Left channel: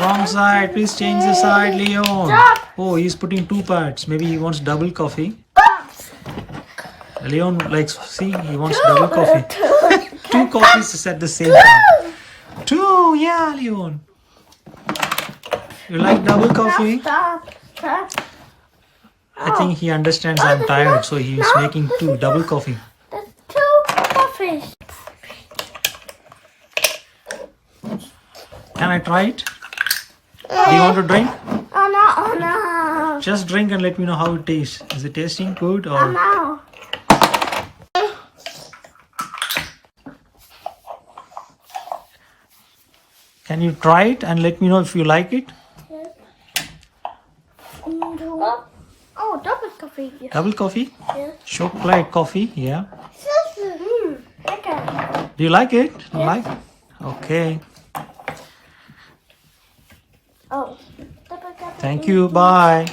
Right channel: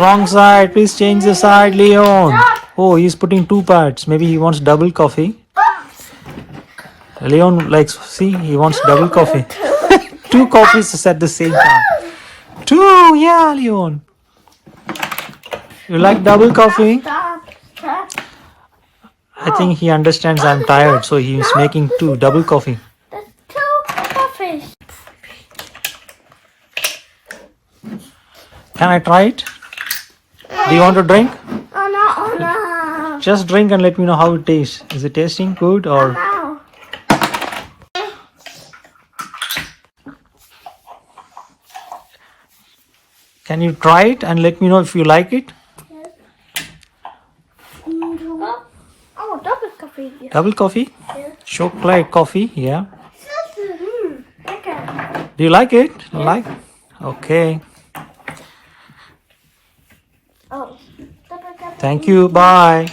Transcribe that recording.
Wrong side. Please change the side, Leon. Oh, he's putting two parts. Maybe he wants double coffee. Leon likes, see, he wants double coffee. Two coffees at the same time. Two, yeah, Leon. You like double coffee? I think he understands I'm tired, so he's making two double coffee. There's two coffees. Can I try it? Do you want to drink? Oh no. Just drink and let me know how it tastes. Is it tasting good or? No. Can you try it and let me know if you like it? Oh, double coffee. Double coffee? Yeah. Chocolate coffee, yeah. Okay. Do you like it? Like? Okay. Oh. Double coffee. Thank you. Bye.